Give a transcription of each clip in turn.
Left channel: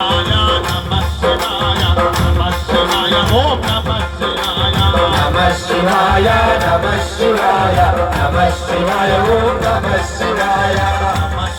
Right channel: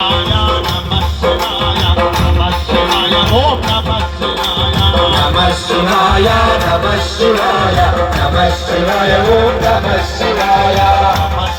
Shivaya, Namah Shivaya, Namah Shivaya, Om Namah Shivaya, Namah Shivaya, Namah Shivaya, Namah Shivaya, Om Namah Shivaya, Namah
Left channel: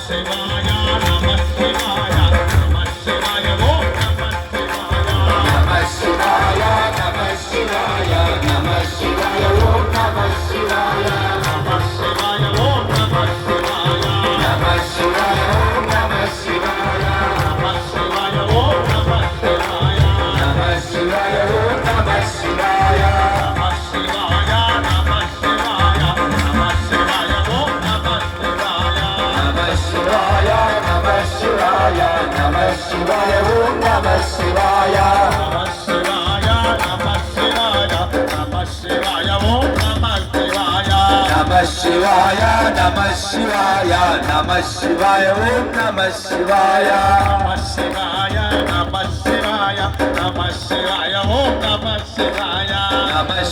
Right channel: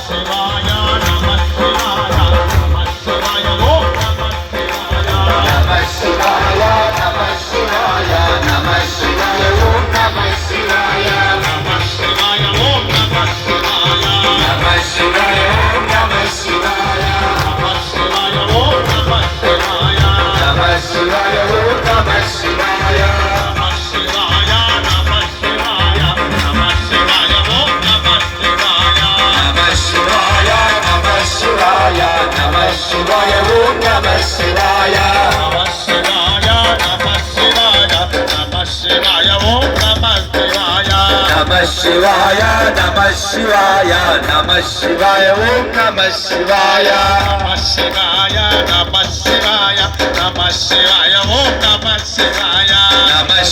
Shivaya,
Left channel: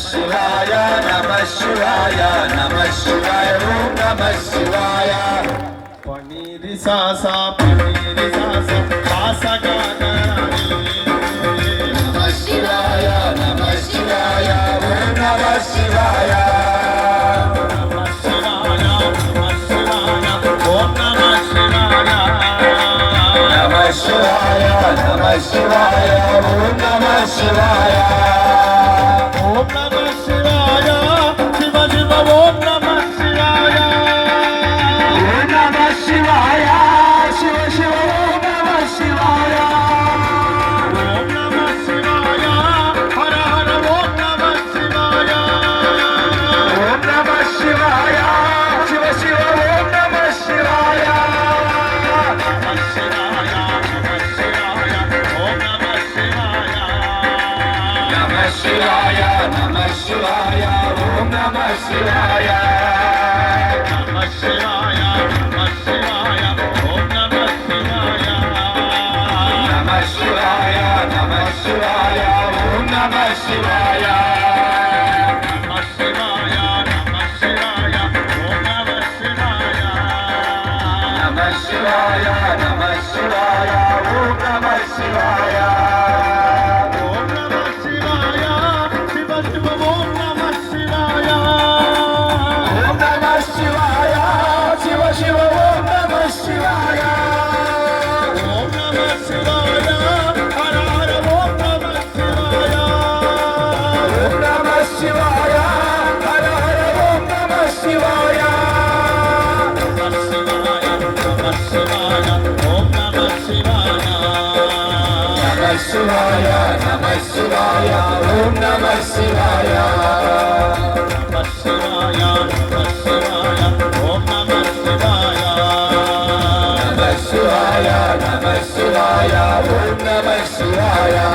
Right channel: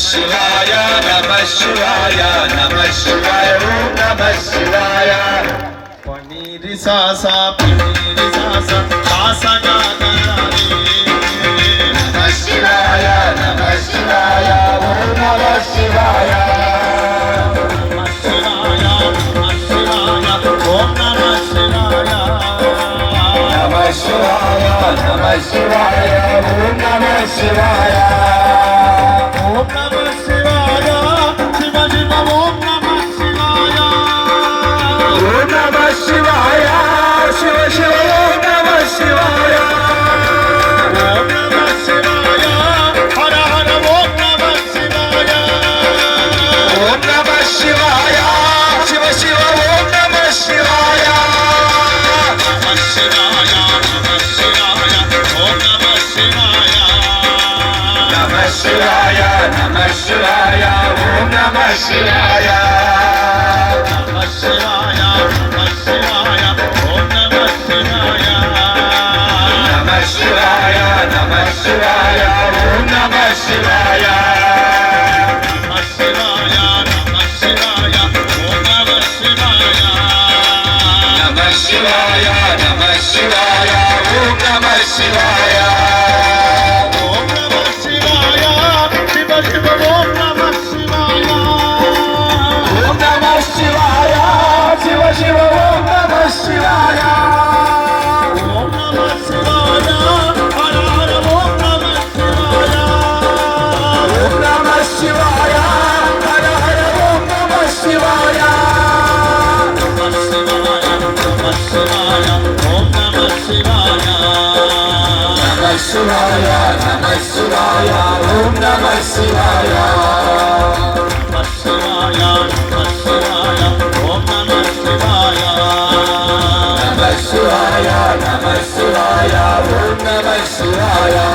Namah Shivaya, Namah Shivaya, Om Namah Shivaya. Paniri sasa, sasa gagarani. Namah Shivaya, Namah Shivaya, Om Namah Shivaya. Namah Shivaya, Namah Shivaya, Om Namah Shivaya. Om Namah Shivaya, Shiva Shiva, Om Namah Shivaya. Om Namah Shivaya, Shiva Shiva, Om Namah Shivaya. Om Namah Shivaya, Hara Hara, Om Namah Shivaya. Om Namah Shivaya, Shiva Shiva, Om Namah Shivaya. Namah Shivaya, Namah Shivaya, Om Namah Shivaya. Namah Shivaya, Namah Shivaya, Om Namah Shivaya. Namah Shivaya, Namah Shivaya, Om Namah Shivaya. Namah Shivaya, Namah Shivaya, Om Namah Shivaya. Namah Shivaya, Namah Shivaya, Om Namah Shivaya. Namah Shivaya, Namah Shivaya, Om Namah Shivaya. Om Namah Shivaya, Shiva Shiva, Om Namah Shivaya. Om Namah Shivaya, Shiva Shiva, Om Namah Shivaya. Om Namah Shivaya, Hara Hara, Om Namah Shivaya. Om Namah Shivaya, Hara Hara, Om Namah Shivaya. Namah Shivaya, Namah Shivaya, Om Namah Shivaya. Namah Shivaya, Namah Shivaya, Om Namah Shivaya. Namah Shivaya, Namah Shivaya, Om Namah Shivaya. Namah Shivaya, Namah Shivaya, Om Namah Shivaya.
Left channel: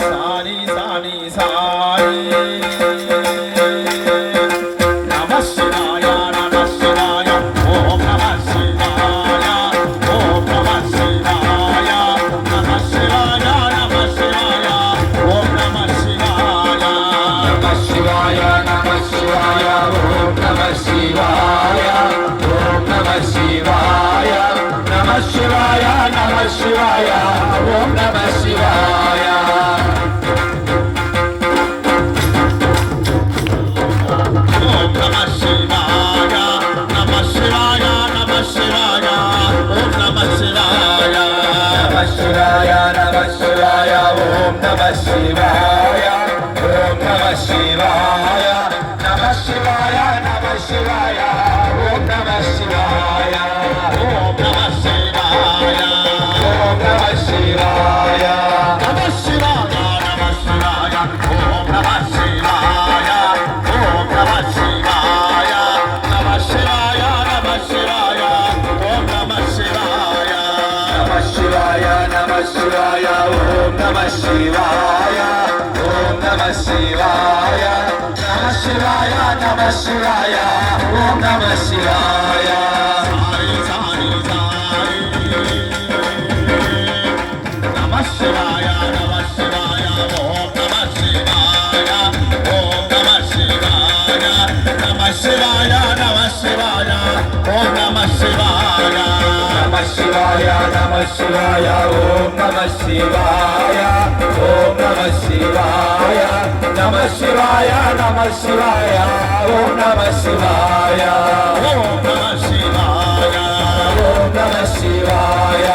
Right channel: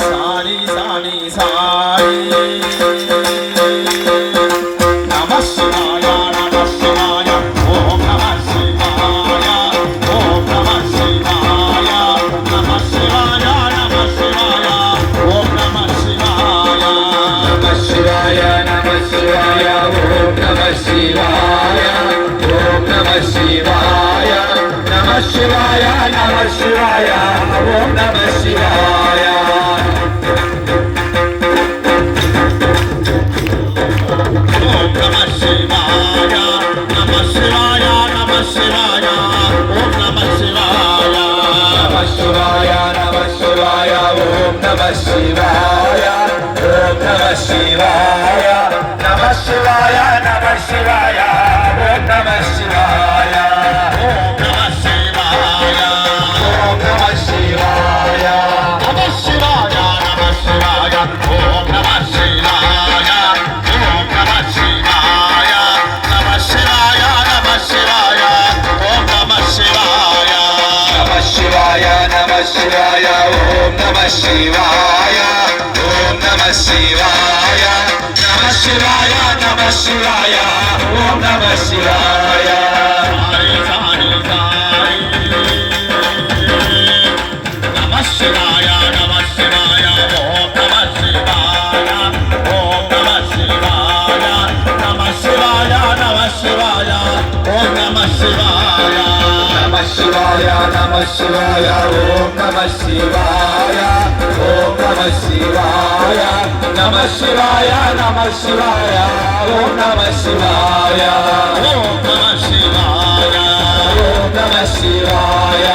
Sani Sani Sani. Namah Shivaya, Namah Shivaya, Om Namah Shivaya. Om Namah Shivaya, Namah Shivaya, Namah Shivaya, Om Namah Shivaya. Namah Shivaya, Namah Shivaya, Om Namah Shivaya. Om Namah Shivaya, Namah Shivaya, Namah Shivaya, Om Namah Shivaya. Om Namah Shivaya, Namah Shivaya, Namah Shivaya, Om Namah Shivaya. Namah Shivaya, Namah Shivaya, Om Namah Shivaya. Om Namah Shivaya, Namah Shivaya, Namah Shivaya, Om Namah Shivaya. Om Namah Shivaya, Om Namah Shivaya. Namah Shivaya, Namah Shivaya, Om Namah Shivaya. Om Namah Shivaya, Namah Shivaya, Namah Shivaya, Om Namah Shivaya. Namah Shivaya, Namah Shivaya, Om Namah Shivaya. Om Namah Shivaya, Namah Shivaya, Namah Shivaya, Om Namah Shivaya. Sani Sani Sani. Namah Shivaya, Namah Shivaya, Om Namah Shivaya. Om Namah Shivaya, Namah Shivaya, Namah Shivaya, Om Namah Shivaya. Namah Shivaya, Namah शिवाय ओम नमः शिवाय ओम नमः शिवाय नमः शिवाय नमः शिवाय ओम नमः शिवाय ओम नमः शिवाय ओम नमः शिवाय